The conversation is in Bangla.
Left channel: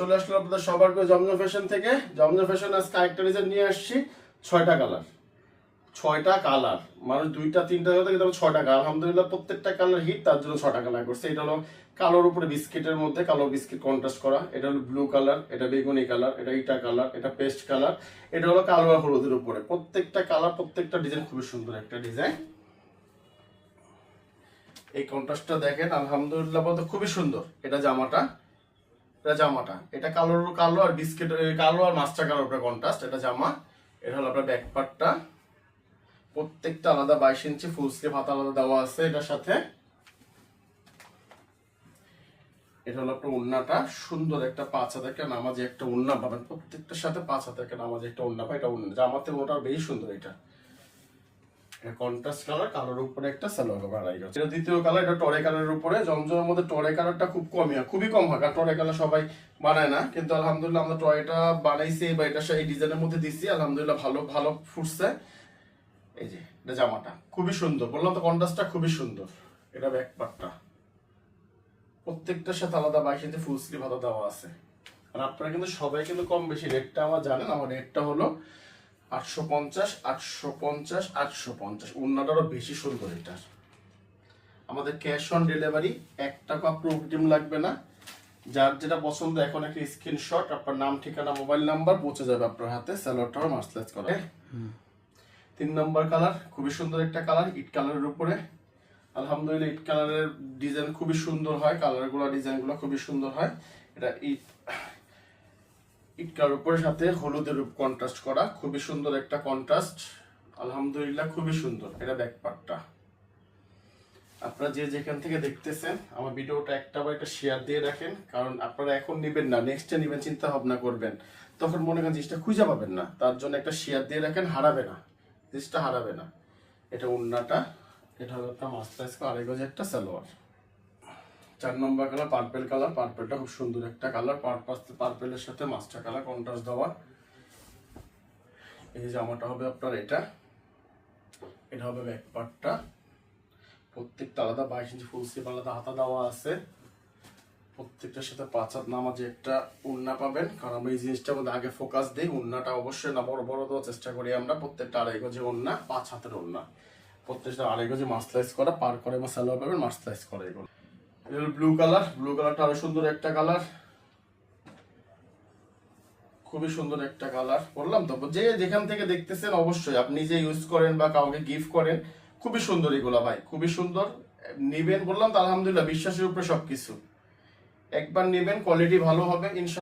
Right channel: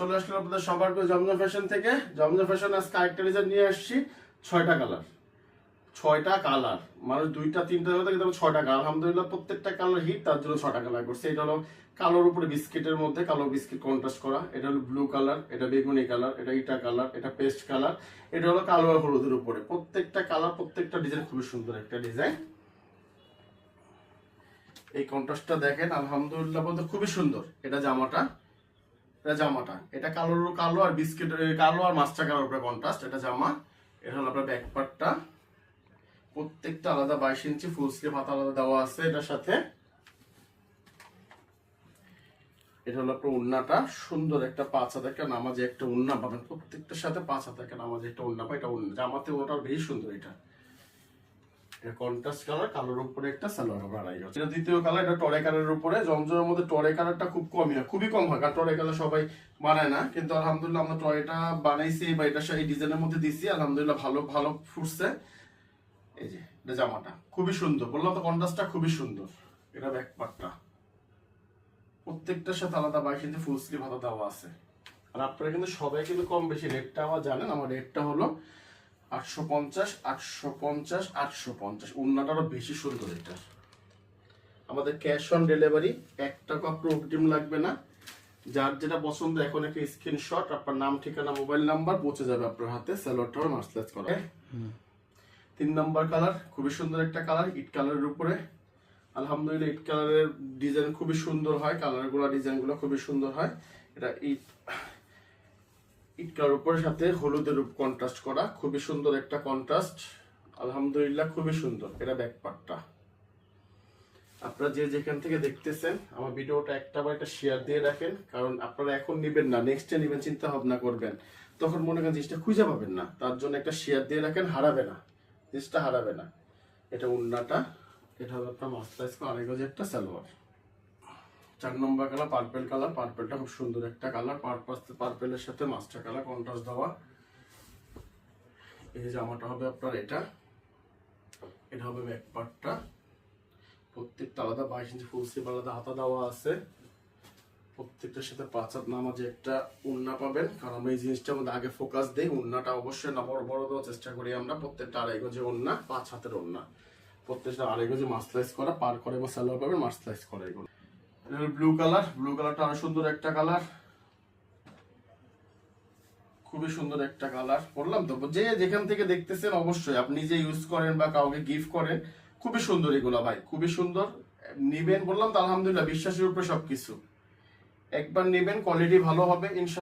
চলে আসলো আপনাদের সবার প্রিয় জমজম ফ্যাশন থেকে। জমজম ফ্যাশন আজকে আরেকটা ডিজাইন নিয়ে আসছি। 6টা কালার, 6টা কালার, মানে 2টা 3টা হতে কিন্তু 6টা কালার। আলহামদুলিল্লাহ প্রত্যেকটা কালার হিট, তার জন্য 6টা কালার করছে। এটা হলো কালোর উপরে বিস্কিটের মধ্যে কালো বিস্কিট কন্ট্রাস্ট করা। এটা হলো ব্লু কালার, এটা বেগুনি কালার, এটা ইটা কালার, এটা পেস্ট কালার, এটা হলো কালো আর হলুদের উপরে। প্রত্যেকটা কালার, প্রত্যেকটা ডিজাইন খুবই সুন্দর একটা ডিজাইন। এই কন্ট্রাস্টটা দেখেন, আলহামদুলিল্লাহ বলতে খুবই সুন্দর। এটা জামাটা, এটা কালো আর বিস্কিট, কালো আর মাস্টার কালার উপরে কন্ট্রাস্ট। এটা জামা। এটা হলো আপনার ব্যাক পার্টটা, প্রত্যেকটা আলাদা 22 ইঞ্চি ফুল স্লিভ হাতা আলাদা দেওয়া আছে এটার সাথে। এটা হলো আপনার ওড়নাটা, সুন্দর একটা 5 হাতের একটা নামাজে একটা ওড়না পাবেন। প্রত্যেকটার সাথে 5 হাতের একটা নামাজে একটা ওড়না পাই। এটা ওড়না জামাতে ওটা বেশ সুন্দর। এটা কন্ট্রাস্ট কালার, কালোর উপরে একটা সালোয়ার বাড়াই আছে। এটা দ্বিতীয় কালার, এটা টরে কালারের উপরে। জমজমের মধ্যে টরে কালারটা খুব কমই হয়, খুবই কম হয়, কারণ টরে কালার সবাই বানায় না। কিন্তু আলহামদুলিল্লাহ আমরা টরেটা বানাইছি বা এটা এই ডিজাইনের মধ্যে দিছি, আলহামদুলিল্লাহ ভালো ভালো ফুটছে। এই যে এটা জামাটা খুবই সুন্দর, বললাম তো কন্ট্রাস্টটা খুবই সুন্দর। এটা ব্যাক পার্টটা, প্রত্যেকটার সাথে আলাদা 22 ইঞ্চি ফুল স্লিভ হাতা দেওয়া আছে। আর আপনারা কিন্তু সবাই কিন্তু কম বেশি রেটটা আমার জানেন। আমার রেটটা হলো 850, 850, 850। ওড়নাটারও বেশি সুন্দর। এটা আমাদের ক্যাশ অন ডেলিভারি, 1 টাকা আপনার অগ্রিম লাগবে না। যার যেটা পছন্দ এখন একটা স্ক্রিনশট, আপনার নাম, ঠিকানা, মোবাইল নাম্বার পৌঁছে যাবে আপনার হাতে। সালোয়ারটাও মার্সেলাইজ করা। 3 নম্বর কালার, খুবই সুন্দর একটা কালার, ইট কালারের উপরে। আলহামদুলিল্লাহ ইট কালারের ডিজাইন খুবই সুন্দর হয়, কালারগুলো ডিজাইনগুলো খুবই সুন্দর হয়। এটা ইট কালার উপরের সাথে হলুদের কন্ট্রাস্ট করা, খুবই সুন্দর একটা কন্ট্রাস্ট। আলহামদুলিল্লাহ খুবই সুন্দর। এটা ব্যাক পার্টটা। আপনারা যে যেখান থেকে দেখতেছেন আমার ভিডিওটা একটা শেয়ার দিয়ে রাখেন, কারণ আপনারা এখন নিবেন না, নেক্সটে নিবেন চিন্তা ভাবনা করবেন, তখন মনে করেন জিনিসটা খুঁজে পাবেন না। তার জন্য একটা শেয়ার দিয়ে রাখেন, হারাবে না, জিনিসটা হারাবে না। এটা ওড়নাটা, এটা হলো আপনার মাস্টারাইজ করা আড়াই গজ একটা সালোয়ার। 4 নম্বর কালার পার্পেল কালার, পার্পেলটা খুব সুন্দর একটা কালার। পার্পেলের সাথে মাস্টার কালার কন্ট্রাস্ট দেওয়া। এই জামাটা হবে আপনার এটা হবে ব্যাক পার্টটা, প্রত্যেকটা আলাদা 22 ইঞ্চি ফুল স্লিভ আলাদা হাতা দেওয়া আছে। প্রত্যেকটার সাথে 5 হাত নামাজে একটা ওড়না পাবেন, কারণ আমরা এই জিনিসটার মধ্যে আগে ফোকাস দিই। ওড়নাটা অবশ্যই না বড় বড় দেওয়ার চেষ্টা করি আমরা। প্রত্যেকটা আড়াই গজে ওড়না, 5 হাতের ওড়না, প্রত্যেকটা আড়াই গজে মাস্টারাইজ করা, পার করে বা সালোয়ার পাবেন মাস্টারাইজ করা। এগুলো ব্লু কালার, ব্লু কালারটা আরো সুন্দর একটা কালার, খুবই সুন্দর একটা কালার। বললাম তো, যে যেখান থেকে দেখতেছেন অবশ্যই আপনি যে ইউজ করেন বা কাউকে গিফট করেন, খুবই সুন্দর এগুলো ভাই, খুবই সুন্দর। নিবেন, বললাম তো আলহামদুলিল্লাহ বিশ্বাসের উপরে সবকিছু। একবার নিবেন, কোয়ালিটি ভালো হবে ইনশাআল্লাহ।